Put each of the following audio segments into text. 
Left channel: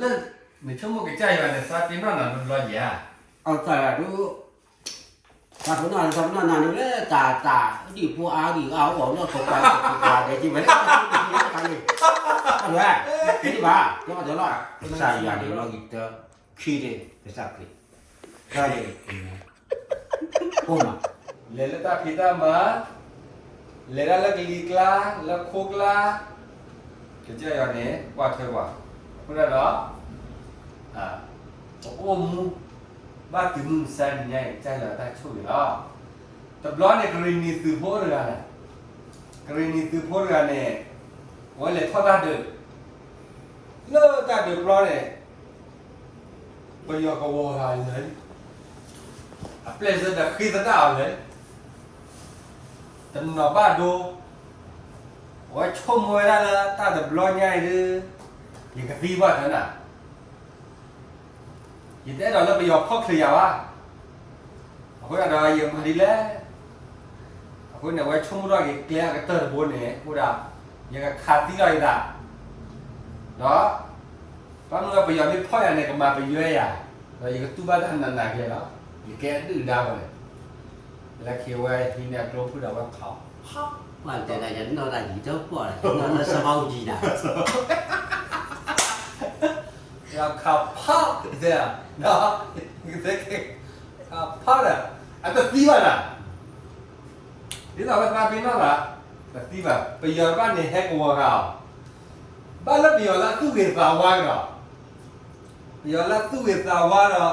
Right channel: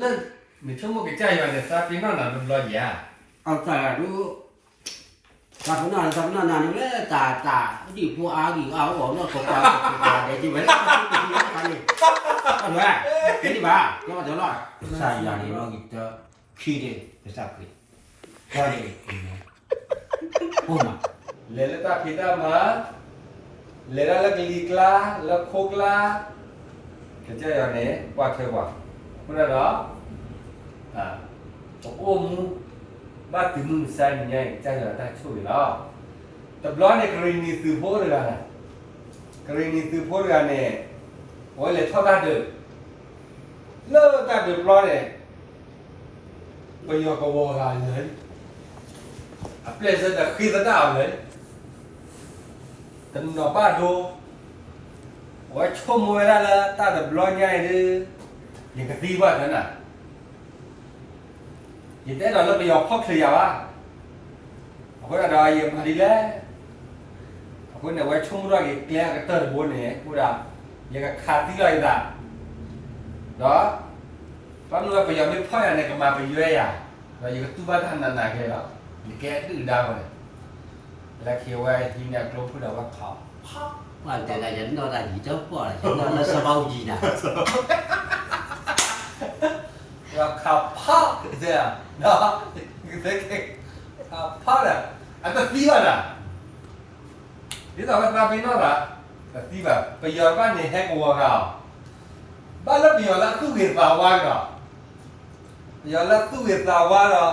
那你全部给家园的啥地方哪能老爷？在都，咱们那里嘞，打地坡啊，我那口啊，的这个，对，你吧，给我得了，啥样的那个去的，这啥去？啥的，哦嘛，来了大皮大嘛，来了个里啦，了哭啦，给家园的挂推挂，不知道啊？我们บ้านถึงมึงใส่เนี่ยใจเราได้ช่วยแล้วแต่บล้อในกรณีสืบพวกเรื่องนะกรณีสืบพวกเรื่องเนี่ยวันเลยทอดตาเดือดเลิกตาเดือดบล้อเนี่ยไปอยู่กับวัวลายเลยอ่ะเปลี่ยนเส้นแต่ขี้ตาดาวเลยแต่หน้าบ้านดูว่าชมมวยได้แล้วตาเดือดบล้อใหญ่เลยยังกระตีว่ากันน่ะยิ่งแต่เราไปยอมพ่อเคลียร์ว่าคนอะไรยังมาดีแล้วคนเนี่ยไว้ชุ่มร้อนกี่เกลี้ยก็เติร์ดบนเนี่ยกูด่ายังก็ขาดที่ไรด่าเนาะตอนนู้นเราไปยอมไม่พ่อเนี่ยก็มาไปเยอะอ่ะเรายังก็ตู้บ้านท่านนั่นไหนแค่แล้วมีแกตื้อดาวเลยแล้วเขียวไว้ทีเนี่ยกลัวพูดว่าเขา quan trọng là dẫn nó là gì đó qua nó sao bao gì nè เราขับพ่อเสียเนาะเด็กขับพ่อน่ะอันก็ตีว่าน่ะที่เราก็ตามไปนอกอ่ะแต่ตีแบบไปยอมบ้านในแฮกวัวเขาบ้านแล้วไปยอมแล้วตู้เก็บสาวว่าก็ยอมแล้วตู้เก็บสาวว่าเนาะ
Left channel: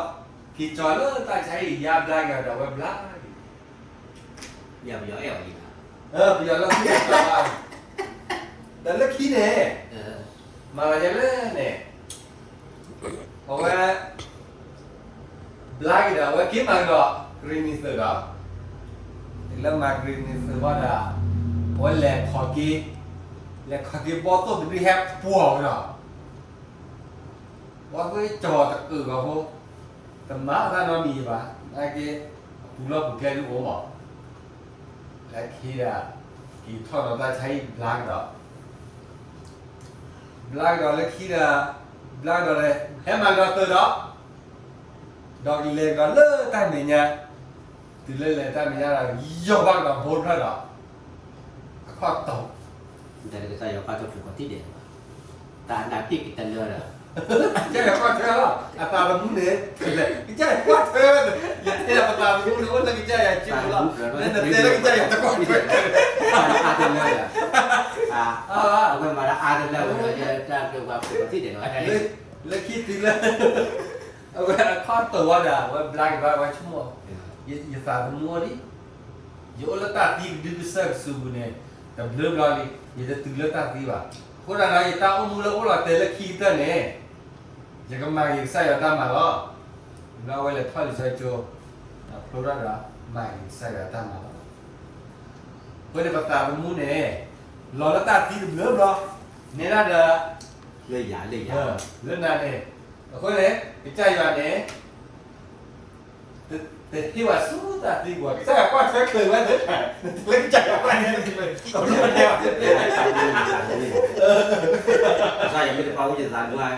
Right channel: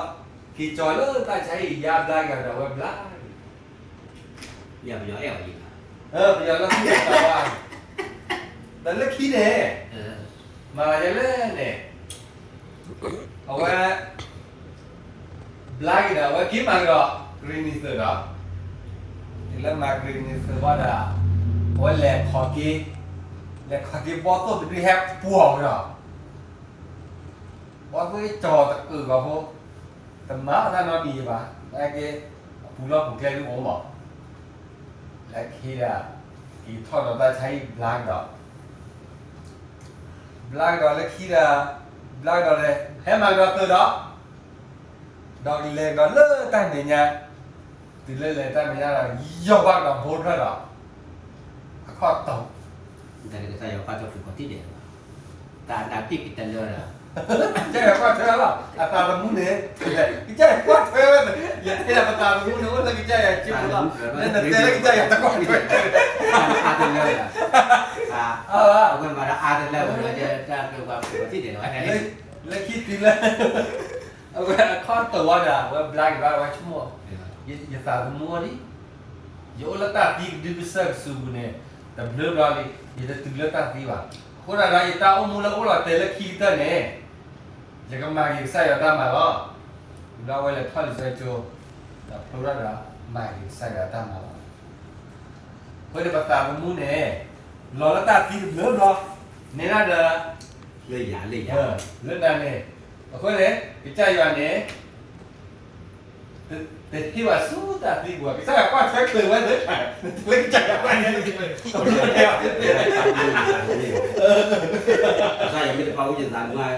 ที่จอดแล้วตาใช้ยาบล้างกันเราไว้บล้าง giờ bây giờ eo gì ไปยอมแล้วตู้เก็บสาวว่าแต่แล้วขี้เนี่ย nè มาจะเล่นเนี่ยเอาไว้บล้างเดี๋ยวไว้กินมันก็กรีนิสเตอร์ก็แล้วมากรีนิสเตอร์ว่าเดี๋ยวไว้แหลกขอกี้แหลกขอกี้บอสต้องไปแฮปปวงเนาะบอสไม่จอดตะกือก็พวกแต่มาถ้าน้องมีป่ะไอ้กี้ผู้รับผู้แก่ลูกผมบอกไอ้ขี้อ่ะอีทอดเราได้ใช้บล้างก็blag đó là khi là blag đó là hết mà đó từ đó đó đi lên đó lơ tay mình nha từ lên tay mình nha là dọc băng là hôn ra đó khó tổng người ta saya qua cho phụ tí để ta tí kita lừa là chơi là quá chơi đó à tao là muốn nè cái chơi quá chơi vậy thế là tao muốn nữa là cái chơi là chịu đó nên là cái chơi là tao quá chơi ai lừa làคนมาแล้วอาจจะเราจะเกี่ยวกับphụ tí để nói cái lấy khi tí lên khóตัวน่ะว่า black ว่าชั่วโมงอย่าตามัวดิโยละตาตีดิบเซอร์สูบเนี่ยแต่เรื่องเราดิอย่าตื่นละตาตีว่ะคนอะไรตาอมูละก็เราแต่ละขี้เท่าเนี่ยจะก็มาอีกใส่ละตามาแล้วเราไว้เลยทอดใส่โจกับพระรามาอีกใส่ละตามาคนในปากตามูเนี่ยรอละตาตีดิบเริ่มรอเนี่ยน่าจะ lấy giả เรื่องนั้นเนี่ยคนเนี่ยไปใจวันเนี่ยแต่ที่ว่าสู้ตาตีกว่าใช่ว่าใช้เคยว่าเด็ดขาดเล่นใจว่าเนี่ยจริงๆsaya yang mau jalan mulai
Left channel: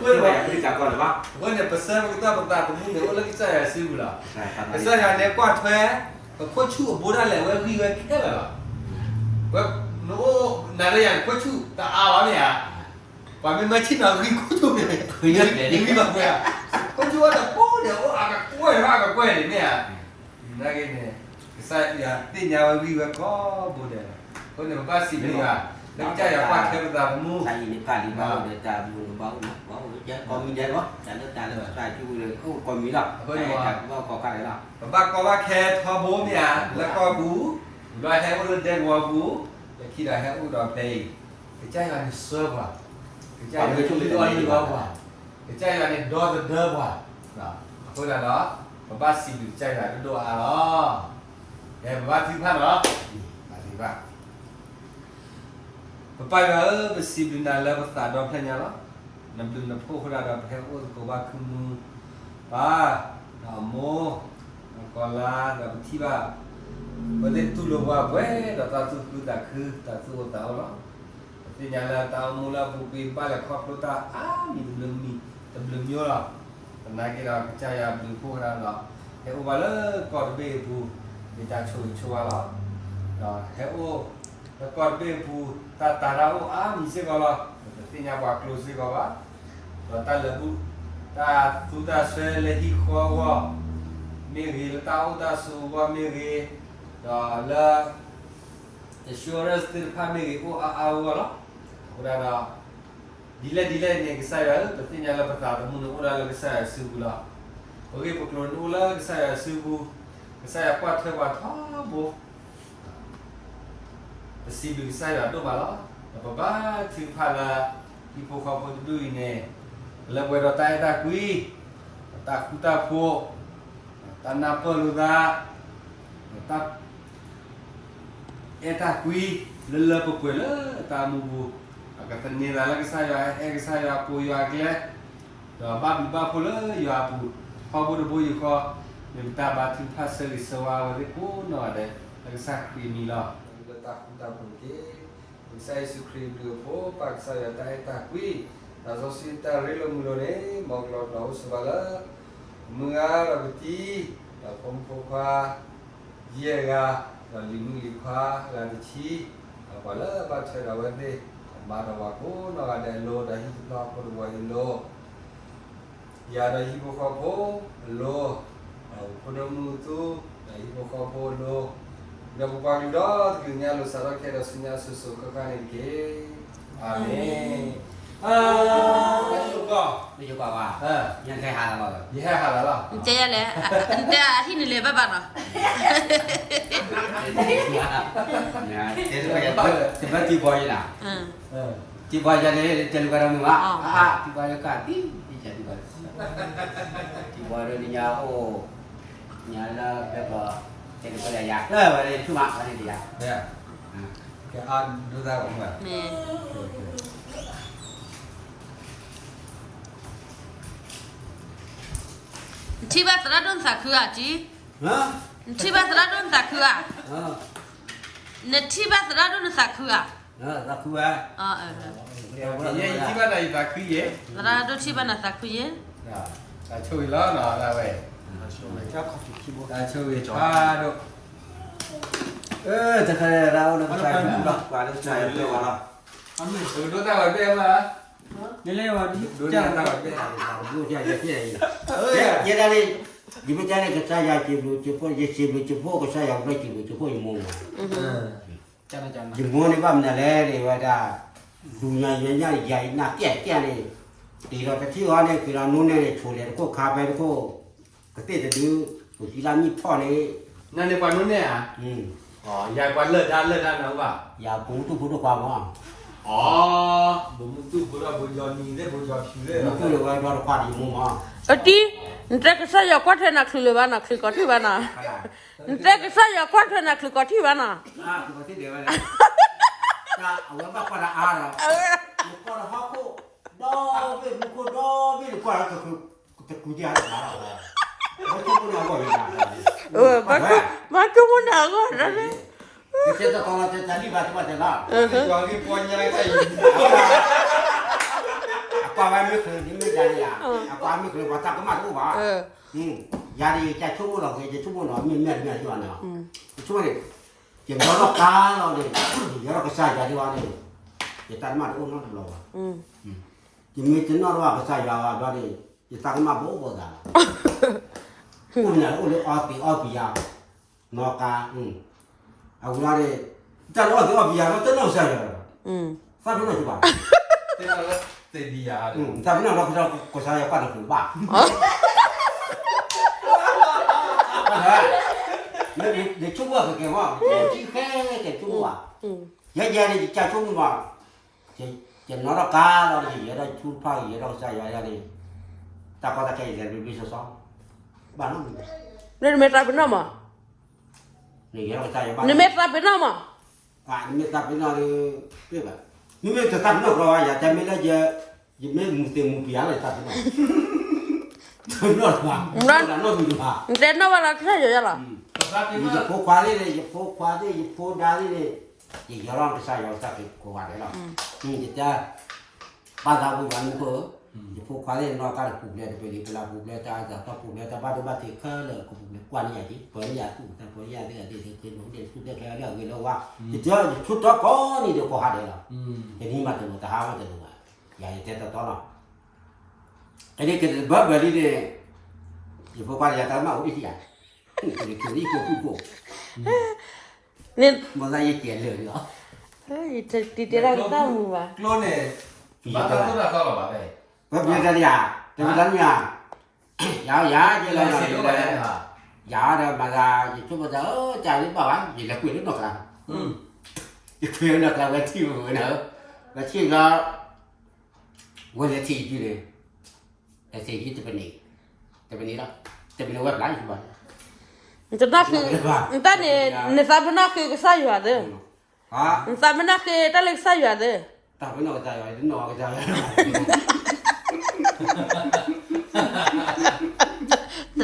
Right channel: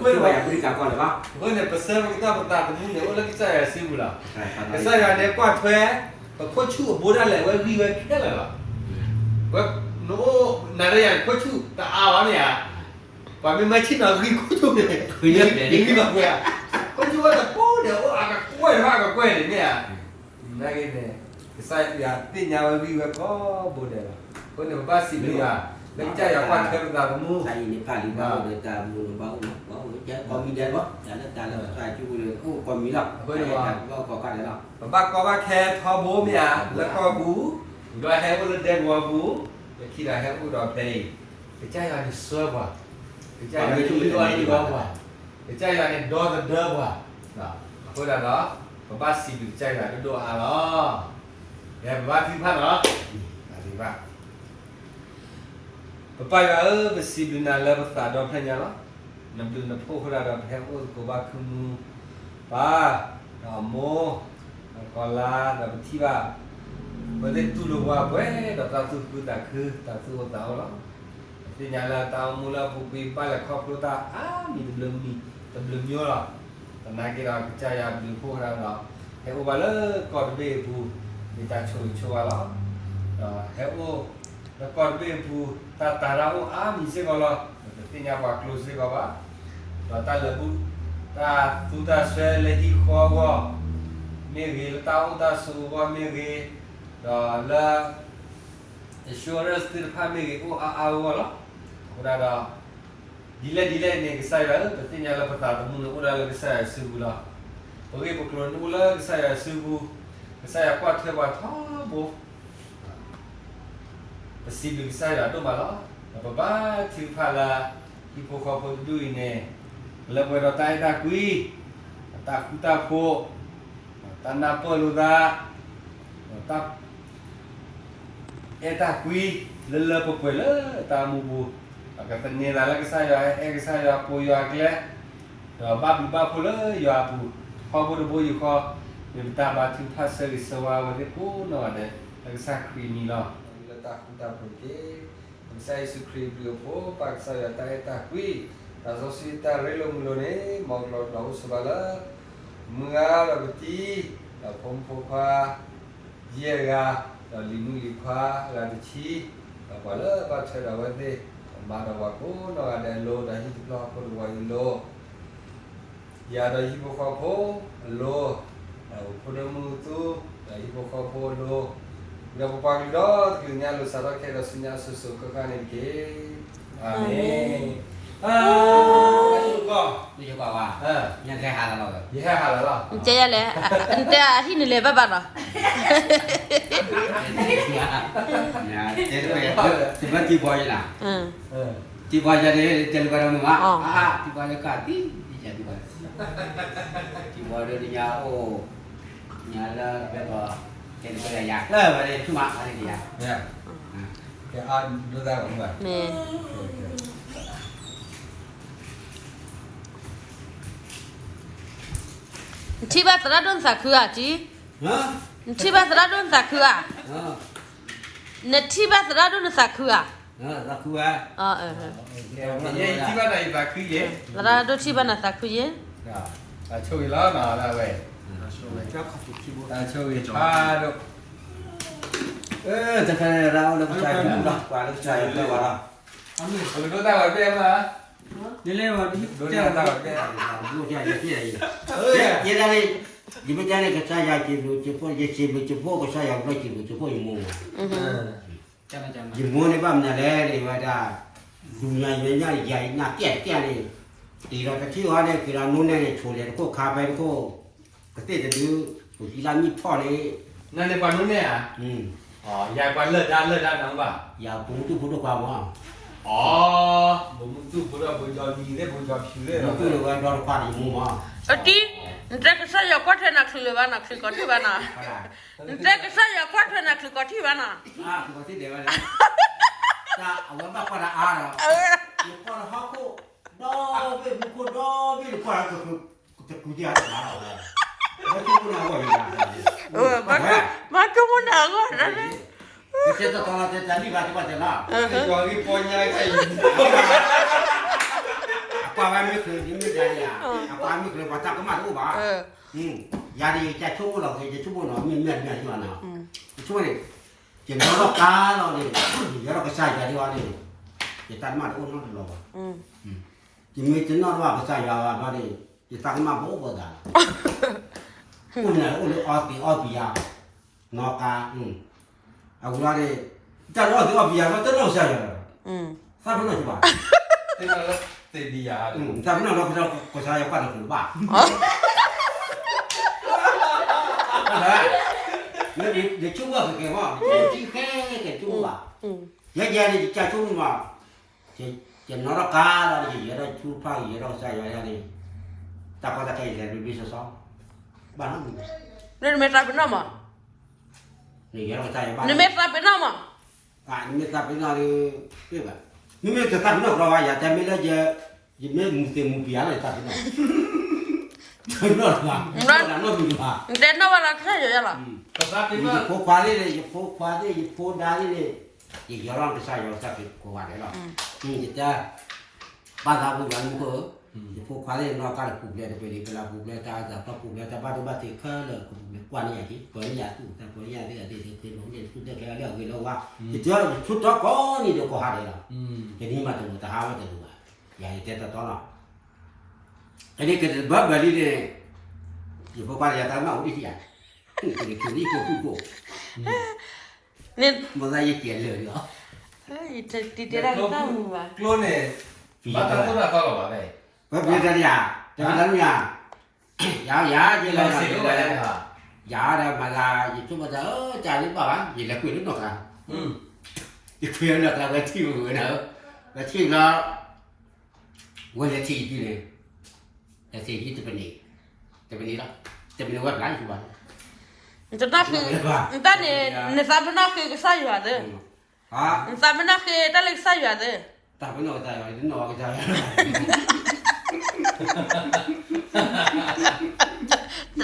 พื่อนว่าบริการก่อนหรือเปล่า เพื่อนเนี่ยเปอร์เซ็นต์มันก็ต้องตาตรงนี้เนี่ยว่าเล่นใจซิวล่ะแต่ใช่วันเนี่ยกว่าแท้แต่คนชั่วโบราณแหละว่าวีวันแค่ไหนล่ะว่าโน้นาเรียนคนชั่วแต่อาวะเนี่ยว่าไม่มาชิมอะไรคนชั่วเนี่ยคือเนี่ยนี่แบบว่าคนชั่วแต่โป้เดี๋ยวอากับกล้วยมากกับกล้วยเนี่ยนั่นเองเนี่ยใส่ยาตีนยาวันวีวันก็โบราณคนเนี่ยบ้าสิเนี่ยแล้วใจอยากว่าแค่ตาตรงนู้น tại vì cái lý do người ta muốn bảo chết con mình đây quá đã nước ta là sai chú không còn mỹ lắm có cái đấy đâu บ้าก็ว่าแค่ทอบูเนี่ยแล้วก็บูดอยแฮมบูเดนวัวบูไปคิดอะไรแฮมบูดอยเตยไปใจอะไรเสือว่ะไปใจอะไรชุ่มดอยดีกว่าไปใจอะไรดอยเดิมว่ะนะพูดอะไรเนาะบ้าสิบใจอะไรดูอะไรเนาะเดี๋ยวบ้าที่พันเนาะมาที่บ้านไปก็ไปสิบนาแล้วภาษาดอนเพียงเนาะน้ำดื่มน้ำพุคนละดอนเพียงโอ้ก็ว่าคือมือป้าดอกโมก็ลาแต่ที่ว่าเมื่อเล่นตู้ลงว่าเว้ยดอกตาตู้คือตาคือตาตู้ตาเนาะ Jadi nyala tamu lah buku balik kau perlu ni belum nyola. Karena kita percaya belum orang lah. Heo bala kau bebu kita cuci lah. Heo kau bebu tak tahu misi kalau Jadi apa close kau apa? Tak lebu tak tu tak selesai kau Miri tahu tak semua miri lah insurance terpamiri awal Udah delay ni saya tapi nyala pertama mula udah saya sebulan. Okey pukul ulah saya sebu saya kuat buat bo. Sibil saya tu malah apa bah pala ibu kau pun dulu ini. Lepas rotai tak kui tak kuta po tanah perlu tak tak tak kui lelah pukul tamu bu. Kata ni lagi saya apu ya dia, babi pula ya apu. Kau boleh kau minta batin pasal sewa wali pun ada lagi sakri ni lah. Letak kita pergi, saya sukri dulu pak saya tak kui. Asal kita rela mula ni mau keluar laut sebala, mengal abti, kompoka, dia limu likha, ladici, bala baca rawat deh. Mara wako na ada lo dah hidup lah pun lo ya dah hidup kau lo punya mutu dah hidup kau lo udah berpagi dah dunia lo salah kira sunya susu kekan ke amin Ni juga wah. Yang kayak hal apa? Iya halal lah. Ente ya le, ente ini le baba no. Ya, jadi kayak seperti boy lah. Tiba jadi jalan barang rumah. Tiba ada kaki, jadi boy. Tiba ada di nyao, nyala apa? Jadi kayak yak lah, ada cuma ada dia. Ya. Kayak an dua enggak. Nih. Ciba teradun sakura ci. Hah? Ciba teradun sakura. Ne ciba teradun sakura. Aku ah. Ya, tiba dah iba kuye. Teradun ciba na sakura. Nah, tak cuy lah nah weh. Tak cuy, aduh. Jangan rau nak cari pula. Pada cari pula lah. Dulu tahu dia mah. Ini lewat di. Dunia tahu dia. Dulu dia dia. Dia dari di mana ke saya kibu cepo je kibu cepo ke saya boleh kibu cepo imu. Imu ni bam na le wada. Dunia nya ya na dia ni. Tidak kecil orang ni kira nun ni curi ko kabar ko. Ketika tu kita ni pun ni. Nanti pandun ni ah. Oh, yang pandai dah nak apa? Ya butuh kuah. Oh, betul budak bujang ni deh, bujang sini. Butuh lewat luar kuah imu mah. Ati, ente saya kuat nak suluh nak sikoti bana. Ente saya kuat nak sikoti bana. Sikoti dia mana? Tak, awak bapa dah ada. Bukan aku. Bukan kuah aku terkuji ada. Macam pun awak ini. Macam mana awak ada? Kita kalau jadi baca lah. Bujang ni punya lagi. Apa kami kerja jadi lah. Apa kami kerja baca kemat tu bah. Jadi kita cuma lah, kita cuma lah, minat cuma lah. Cuma ni, kita orang kalau ni, kita orang kesal jadi orang ni, kita mat orang tu lah. Jadi kita orang kesal jadi orang ni, kita mat bobo dah. Punya orang ya, noka. Aku lari, kita orang biar kita nak saja. Saya pernah cuba. Tengok sedia. Saya pernah nak ke saya pada cuba. Dia cuba ke kau? Dia cuba. Dia ni dia cuba. Dia nak kalau dia ada cuba, dia ada saya ni. Tak pada saya dia bisa sah. Bangun. Ni mereka bernama? Ni dia saya bangun. Ni mereka bernama? Ini tapi nari, apa? Ini tetap nak rawat ya, tapi dia mesti biar lah tapi nak. Nak lah. Ente nama lah saya ya lah. Tetapi Ini kuali ni, dari ni. ဒီရောင်းတစားရောစားကိုကိုပါတယ်လားဒီကြဘာသာဝင်ကကိုဒီဖို့ခါလေးတော့ကလည်းပူလဲတယ်ပလာပူလဲတာတော့ပူလဲတာဘာတော့ဘာတိခါလဲကိုပူလဲကွာနေရတယ်ပေါ်ရတူတယ်ပေါ်ရတယ်ဒီလုံးလေးသူတဲ့ခါလေးကိုလောကဒီကြောချွတ်တော့ကောနေတော့ကိုဟာတယ်လားဒီနေ့မှတော့တဟာမှတယ်လို့ရာရတဲ့တော့လားအဲ့ဒီကဘာဘလီတဲ့ဒီဖို့ပါရတာမှဦးကြီးဒီကလေးကိုကို你မလာရကျလေရော你这来干么吧？ ကလိုနဲ့ဘာတော့တော့ကောက်တော့ပါပဲ ဘာပြေကြရတော်တော်များရာကျလာ စီလို့ရတယ်ဟာ ရာမလာဒီချို့မတော့ကြာနေပါပါဒီလက်ကွေလို့တော့ကဒီခွေနဲ့ကလည်းတီးလို့နော်လက်ချိကဝယ်ချီကြည့်တယ်လက်ချီကြည့်တဲ့နေ့လားဝက်လိုက်ပါ你这那个，你那你啥不那个个啥样的？ဟာ 你啥不那个那个啥样的？ တာဘယ်တော့ကြာရလဲတော့ကြာရတ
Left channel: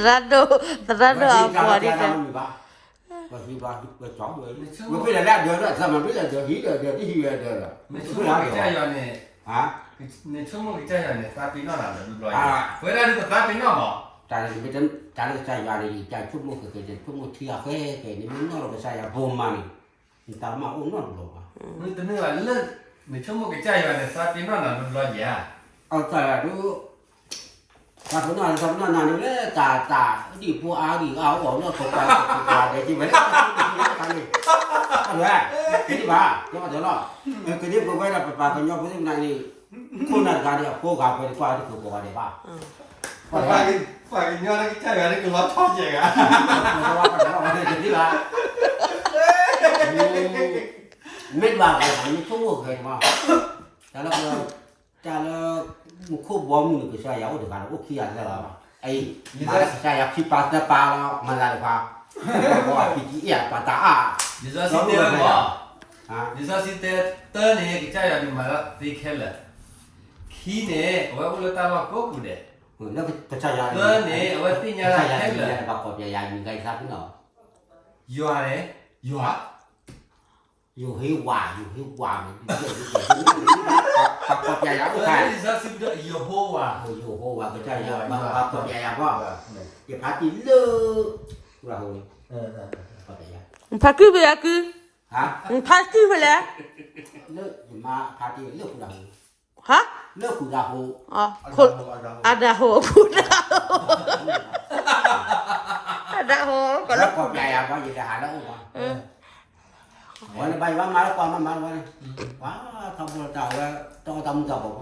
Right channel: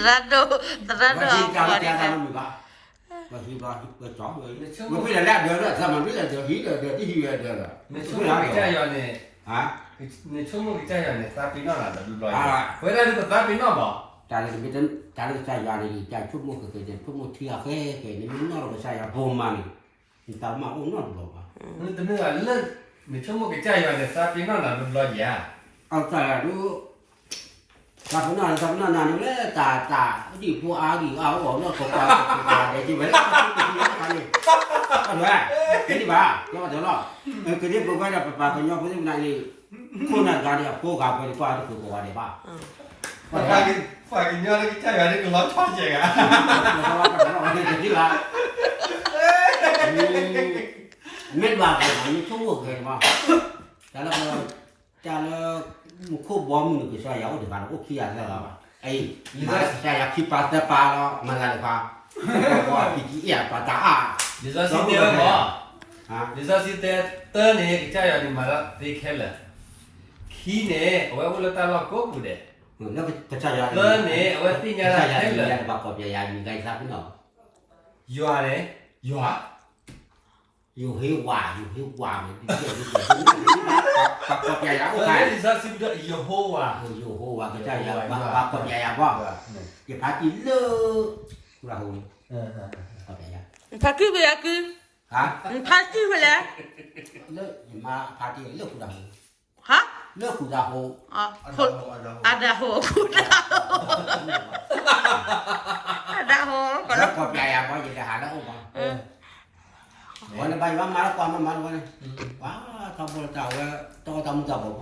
ရတော့ပါဒီက ဘာဒီဘာကြောင်းလို့ဘယ်ပြလဲပြောတော့ဇာမပြလဲတော့ဟီတော့ဒီဟီရတယ်လား နေချုံမကြရနဲ့ ဟာ နေချုံမကြရနဲ့သာပင်းတော့လာတယ်လူလောဝဲတယ်ကသာပင်းတော့မ တာလည်းဒီတာလည်းကြာရလေကြာချုပ်လို့ဆိုတဲ့ချုပ်လို့ထီရခဲခဲနေမင်းတော့ကြာရဘုံမနီဒီတာမအောင်တော့လို့ပါ 你等那个冷，你全部给家园的啥地方那都老严。 အောက်ကြာရတို့ဘာဖနာစပနာနာလေတာဒီပူအားဒီအားတော့တော့ကောတယ်ဒီပဲအဲ့ဒါဒီပါတော့တော့ကလေးပရိုဗိုင်ဒါပါပညောပင်းနာနေခုနကတည်းကပို့ကပဲကွာဒီကိုပါတယ်ပါ ฝ่ายเนี้ยแล้ว家园那个老超级啊。ဒီပါမင်းပါကတော့မချုံးခဲ့မှာဒါလည်းခုဘောမှုကစားရောက်တယ်ကတော့ okay ရတယ်ပါအေးဒီကစားရခိပါတပါတော့မလာပါဘောပီကြီးရပါတာ你说是对吗？啊，你说是对，等你家园你买了得开了，开呢我为了打了过不的，那个စားရ等你我定下来开了，把嗰邊嘢唔計曬邊度？有啊嘞，有啊。要起話咪，把嗰邊嘢唔計。你说是不是有好啊？要好話咪真係有，把嗰邊嘢喎，要拍啲咯，好啦好。嗰邊嘢。你拍几不呀几？嚇？你拍几不嘞？咯，而家拍啲咯好啦好。哈？咯好啦好。啊，好，阿达好，好啦，阿达好，嗰粒嗰邊嘢喎，要睇下啦好嘛。วันไปวันมาแล้วก่อนมันวันว้าทำบุญเก่าแล้วต้องทำกับผม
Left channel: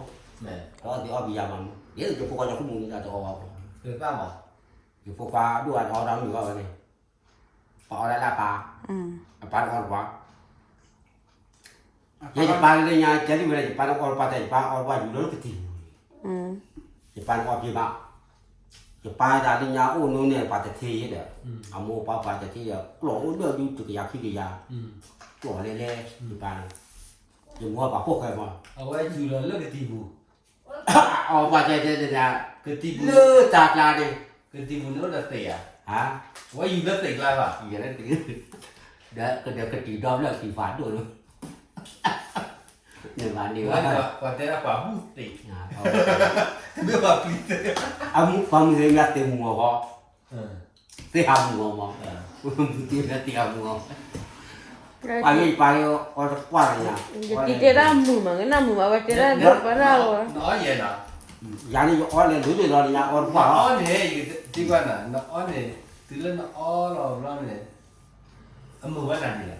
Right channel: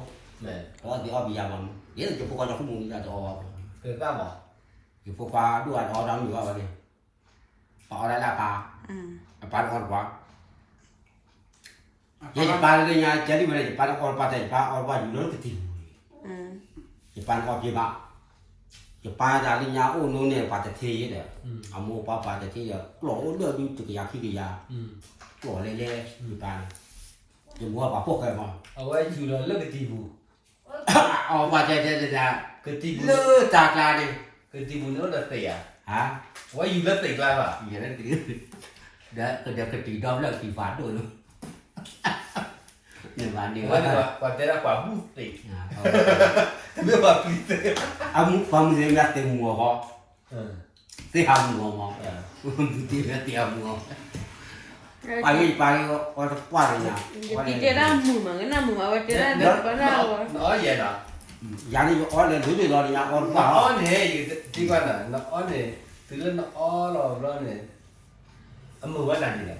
ก็ที่อ้อมียามันเดี๋ยวจะพวกเราขโมยกันตัวอ้อ 对干嘛？ ที่พวกเราด้วยเราทำอยู่ว่าวันนี้ปลาอะไรล่ะปลาปลาอ่อนกว่ายังจะปลาเลยยังจะได้ไม่ได้ปลาอ่อนปลาแต่ปลาอ่อนว่าอยู่แล้วก็ตีจะปลาอ่อนกี่บาทจะปลาดาลิญาโอ้นู้นเนี่ยปลาจะเทียเด้ออามูปลาจะเทียกลัวเลือดดูจุกยาขี้กยากลัวเล่ๆอยู่ปลาจะมัวปลาพวกใครมา 我有了那个地步， เอาว่าใจจะ 个地步， เลือจากลาดิ 个地步那得对呀。 ฮะ 我有了对了吧？ อย่างนั้นตีเดี๋ยวก็ตีดอมแล้วตีฝาด้วยเนี่ยวันนี้ 我在那管不对，没有把对的。 เอามุกความมือยัดเต็มหัวพอ 嗯 เตี้ยหัวมองเตี้ยหัวไปไม่ไปก็กว่าเลยนะ 你这那木嘛，那木嘛，我这那把那我。哪也呢？ อย่างนี้อ๋อเลยรู้ด้วยเราเนี่ยอ๋อ 那 ว่า 俺呢，这个呢，那俺呢，对了那俺了，不然呢，俺没我哪里了？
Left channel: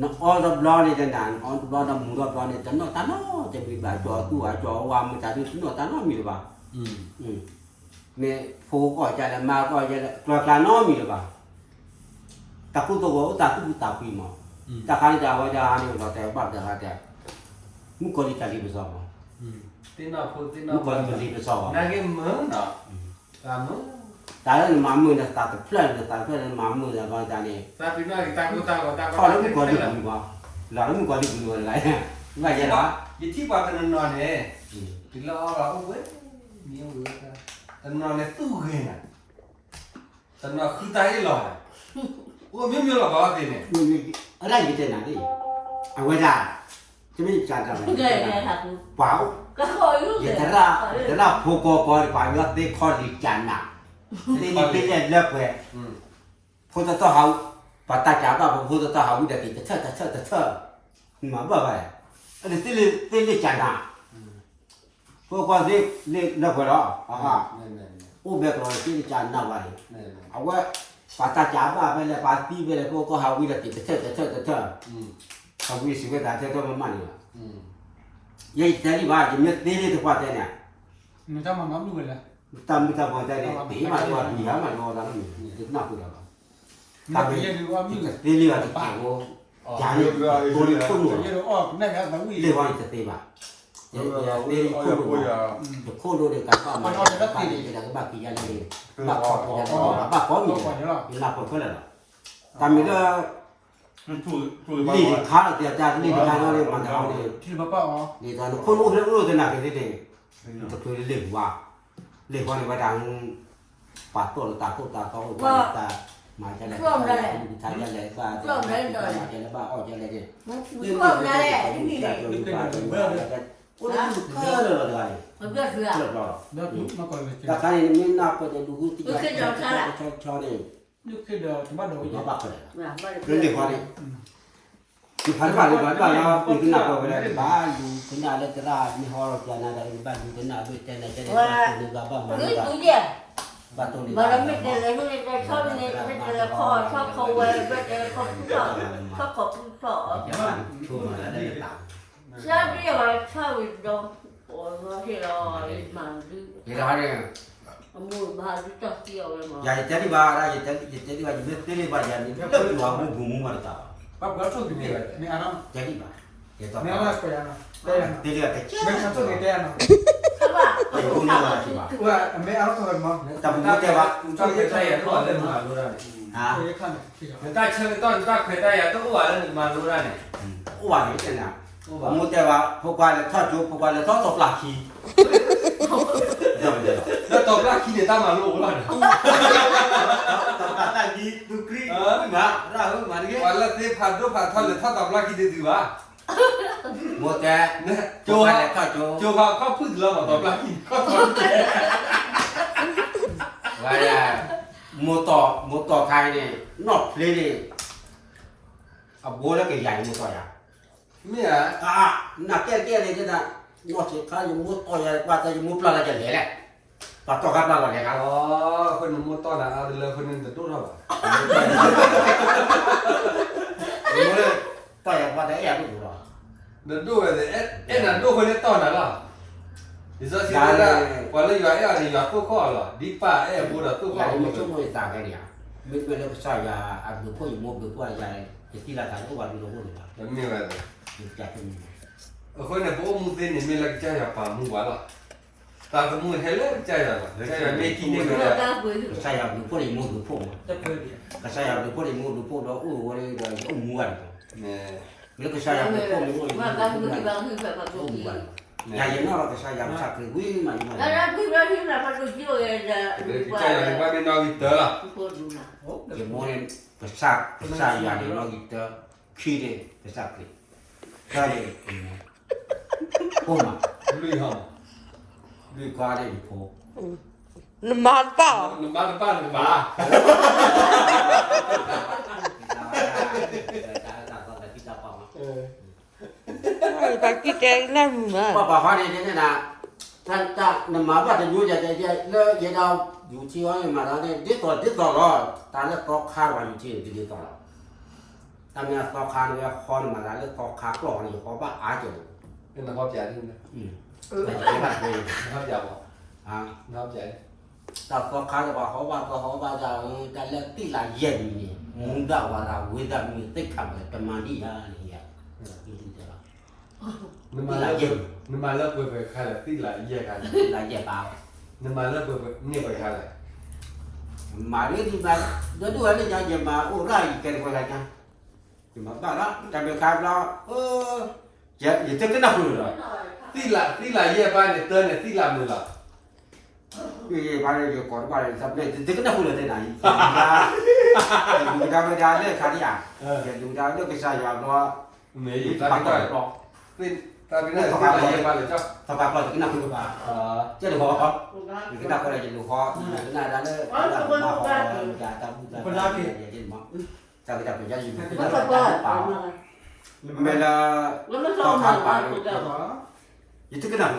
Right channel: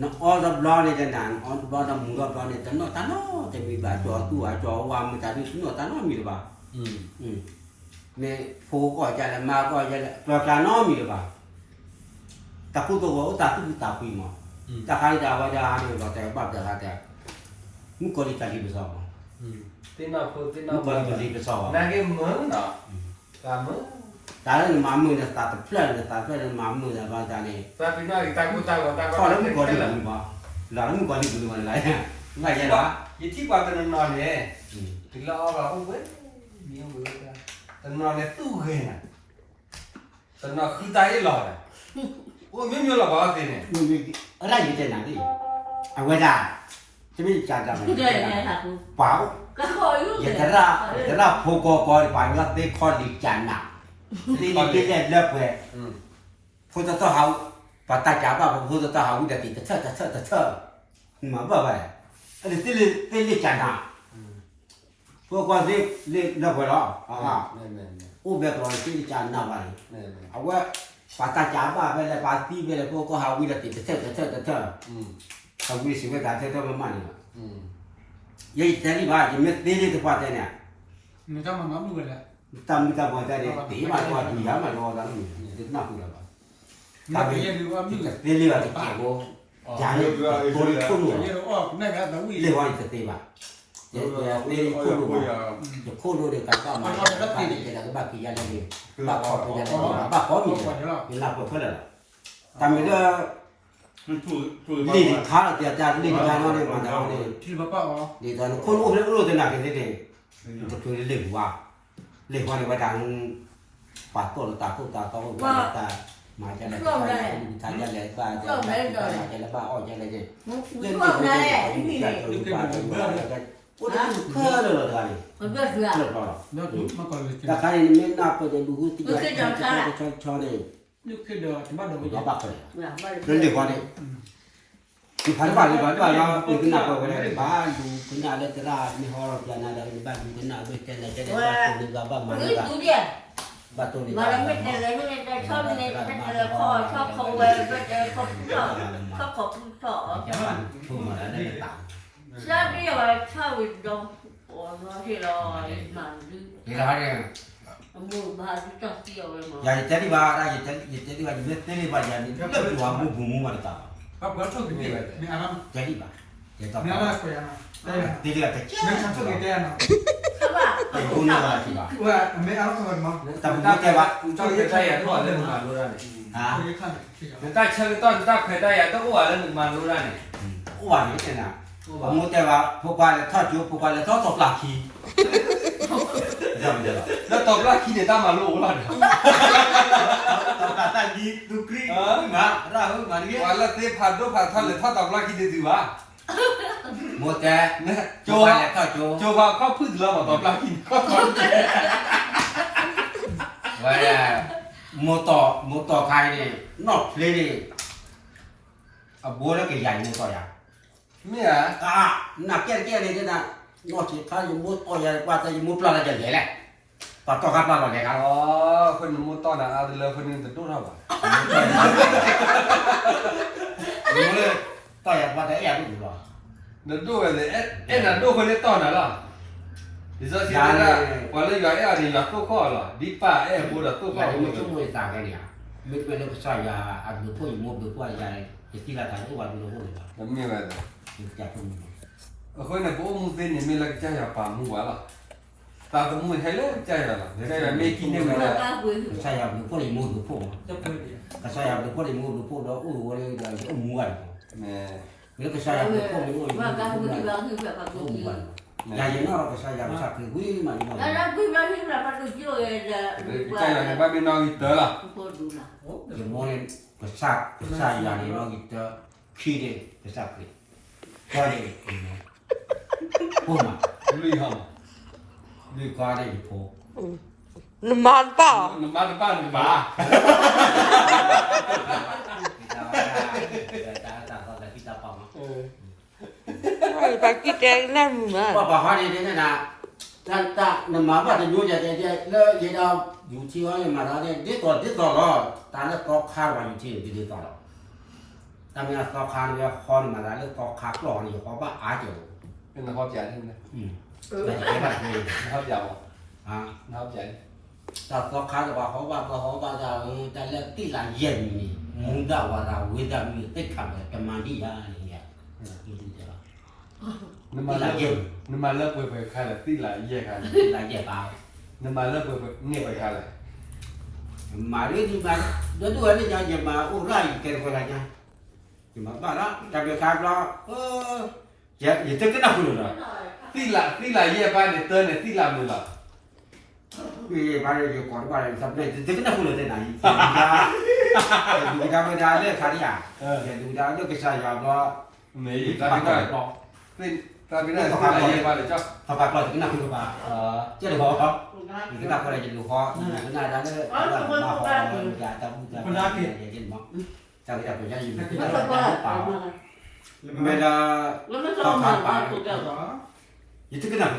nóอ๋อรับรองเนี่ยจะนานอ๋อรับรองทำมือรับรองเนี่ยจะนอตานอจะมีบาจอตัวจอว่ามันจะดูสนอตานอมีหรือเปล่าเนี่ยผู้ก็จะละมาก็จะกลากลานอมีหรือเปล่าตะคุตัวก็ตะตุตะคุยมาตะคาริตะว่าจะเนี่ยเราแต่บ้าแต่ละแต่มุกลิตะลิบซอมา 对那婆对那 มุก 婆， ลิบซอมา 那个门呢？干门？ ตาแล้วมามือเนี่ยตาเพลินเนี่ยตาเพลินมามือเนี่ยว่าจะเนี่ย 咱对那个大哥大哥大哥， ข้อแล้วมุกลิบอยู่ป่ะหลานมุกลิบอยู่อะไรว่าอย่างไร 一提把个人拿呢，对了了，喂，没有喂的，他拿来都给呢，他拿很大一老的，我明明了吧的呢。你那你在哪里？啊，我家这边家长们包，也在那婆婆包包那得靠里家呐，你别来回，或者到好把大家把或者到好为了给他测，嘛不呗，这里家呐，婆婆这那回了啊，我别说这里家那玩意，啊我。把大家把ไปเลย把ปีไปเลยพวกก็หาวิธีติดเถอะหาวิธีไปการเถอะมันนี่ยัยแต่นี่ว่ายังไม่ตีเลยตัวเจ้าเนี่ย มันจะมาดูเลย ตามตามว่าเจ้าเนี่ยตีมาตัวดีอ่ะมันเอาตอนนี้ติดหน้าพูดแล้วตามนี้ตีเรือติดเจ้าอย่างนี้ตัวนี้คุ้มเลยเรียกว่าติดตีป่ะเดี๋ยวตีคุ้มเลยเดี๋ยวคุ้มเลยกันก็มาตีเลยจะก็บ้ากี่ยันเลยบ้าขอบยันเลยบ้าขอบมีมีลาบเพื่อนแล้วตามนี้ก็นี่ข้าจะนี่งานอะไรมาเอาเลย ที่พ่อป้าอ๋อ นี่ตอนคนรู้แต่หนักกันทีจะคือเรื่องว่าในวันดังปาดต้นตาเขาตามาจะได้ทานจะได้บ้าจะได้บ้าอ้อยจะได้เรื่องว่าจะเพื่อเลยอะไรเพื่อแล้วดูมาก่อนเลย ถ้าใครมีนับก็จะดูที่จะชอบเลย นึกขึ้นเดี๋ยวจะมาดู เราบ้าเลยเรื่องเด็กว่าเนี่ยที่ผ่านมาเราเป็นขึ้นหน้าก็ได้บ้าดูขึ้นหน้าแล้วจะได้มีหัวเราจะน่าจะเป็นบ้านดูขึ้นหน้าด้วยใจเราจะได้บ้านตัวนี้ก็บ้านมันก็บ้านตัวนี้ mà nó biết này nó biết nàyชอบnày biết nàyคอชอบเขาเว้ยbiết nàyเขาชอบเขาชอบ จะบ้านช่วงมาได้ต่าง ชอบนี่ว่าชอบวิดงโอ้มาที่เรามาดู เดี๋ยวเราเนี่ย มือมาดูจับเกี่ยวเลยมา อย่าจะที่บ้านอย่าจะที่บ้านยิ่งที่บ้านอย่างนี้ก็ที่ว่าบุ้มมาต่าง ป้าก็ชอบกินอะไรเนี่ยอะไร จะที่บ้านจะต้อง เนี่ยอะไรไปอ่ะได้ยัง ที่เรียกแต่ ไม่ชอบกินได้ยัง ใช่ป่ะ ไอ้พวกนี้ว่าที่บ้าน ว่าไม่เอาคนมั้ง แต่ผมไม่ใช่ว่า ชอบใครได้ยังตัวเรื่องมารู้ได้ ฮะ เฮ้ยข้างไหนที่ แต่ถ้าเชิงต้นถ้าใครได้ยังต้องว่าเรื่องมารู้ได้เนี่ย ว่านี่เป็นอ่ะผมแต่ว่าพวกบ้านทอดจุพวกบ้านทอดตบหลักทีเดี๋ยวเดี๋ยว แล้วตกลากขี้เดี๋ยวตั้งมาลูกแล้ว ตบกันตั้งยีดูกรีมาเรามาเนี่ย วันละที่ผ่านด้วยผ่านท่อนหรือท่อตกลากขี้เดี๋ยวดีวะ โมแต่โจอะไรก็โจ โจพาเข้าพึ่งแล้วตกลากขี้ก็ตก ไว้โมต่อใครเนี่ยนอกเพลนี่อ่ะบัวแล้วก็ใหญ่โมต่ออย่าง เนี่ย นักเกี้ยเลยจะนะนอกจากข้ายังมุดต่อใหญ่กว่าจะยังมุดปลาอะไรกันใหญ่แหละปลาต่อกันปลาอะไรกัน อ๋อคนมุดต้อนเอาเดี๋ยวคนนึงจะดูเท่าไหร่ มุดเลยต่ออย่างว่าจะแอบอยู่หรอ เดี๋ยวดูเลยเอ๊ะนั่นดูคนนี้ต้อนอะไรดิฉันคิดว่าวันละอย่างเนี่ยนี่อยากตู้ข้อหรอดิป้าเอ๊ะบูดตู้ อ ข้อย่าง มุดชั่วโมงต่างกันเนี่ยมุดไปแล้วก็ใส่ยาอัดดูพ่ออยู่มุดดูพ่อใหญ่จะที่ละกันก็วันดูเลย แล้วมีอะไร จากตรงนี้ คนเนี่ยพวกมึงเป็นเนี่ยไม่รักใจอ่ะป่ามึงวะล่ะตาตัวมึงให้เลิกใจอ่ะใจอ่ะไม่กินเนี่ยไม่ได้ ตาบุย ใส่ยาดูพ่ออยู่มุดดูพ่อ จะเปิด ก็ใส่ยาดูพ่ออยู่มุดดูพ่อแล้ววันนี้ก็ม้วน เนี่ย แล้วก็ใส่ยาดูพ่ออยู่มุดดู มา พ่อ ตาบุยที่บ้านคือแบบว่าดูดี ม้วนยาอย่างนั้นเราก็ใช้ยาสักคือวิ่งมาอยู่ แล้วนะพี่มาที่ไหนมาดูที่เลยจะ ใจอ่ะเนี่ยบ้านไม่นอนอีกเต๋อล่ะ คนดูนะ อย่างโมเนี่ยก็สักยาเนี่ยเราอีกจะขี้เลยก็สักเลยก็เลยพ่อมา ลุยห้อง ด้วยก้อนได้ดิพ่อ น้ำมันเปล่า มาตะป้าหนึ่งบา ไปกินแกงนั่นมึงอ่ะ ว่าป่าเขาเนี่ยนะท่านจะนำมาว่าจะอยู่จะเลยยันเอาอยู่ที่ว่ามาแล้วเนี่ยดิตัวรอตอนนั้นก็ข้าวอยู่ที่ดิตัวรอตอนนี้ก็ข้าวเนี่ยคอนมาแล้วก็ข้าวกรองอยู่เพราะว่าอาจจะ เป็นนักความใจใช่ไหม ไม่ใช่แบบนี้ นักยาว อ่ะ นักใจ แต่ก็ข้าวจะว่าเขาว่าจะเลิกที่หลายเย็นนี่มุดว่าเราเวลามีติดขัดจะมาดีอะไรอย่างเงี้ย นึกมาเลิกไปใครเลยที่หลายเยี่ยใคร หลายเย็นเอา นึกมาเลิกไปเงียบไปใครเลย มาเรื่องที่มาเดี๋ยวดูอะไรจะมาอุ้ไรกันคนไรกันมาบ้านละแต่เป็นการเราจะอย่าจะก็นั่งอยู่เลย ที่หลายเยี่ยบ้านเนี่ยเตือนเนี่ยที่หลับเลยล่ะ 이 말을 거로 말을 잡네. 되게 나쁘네 되나 이. 누가 누가 내 가리야. 누가 내 기사야 뭐. เมย์อยู่ตาเป็นได้เป็นตาเป็นได้ที่ไหนยังมาเลยจ้ะ Pháp pháp rồi cái nào cũng ba. Chứ đừng có không. Cái nào có là đừng có. Cái này đã nó mà họ giả tâm giả cái mà. Sao cái tập cái gì. Mình là แล้วมันเข้ามาบ้านกูเจ้าเหรอ itu kena apa?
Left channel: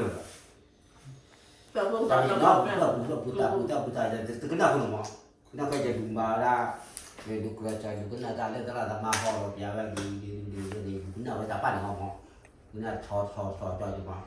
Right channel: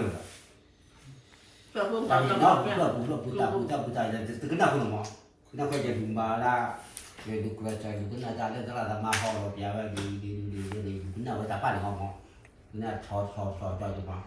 แต่พวก Tapi เรา dah เนี่ย buta itu kena apa nama? Kena kerja bumbala. Dia kerja juga kena ada kalau ada mahal biaya di kena apa ni ngomong. Kena cor cor cor cor je mah.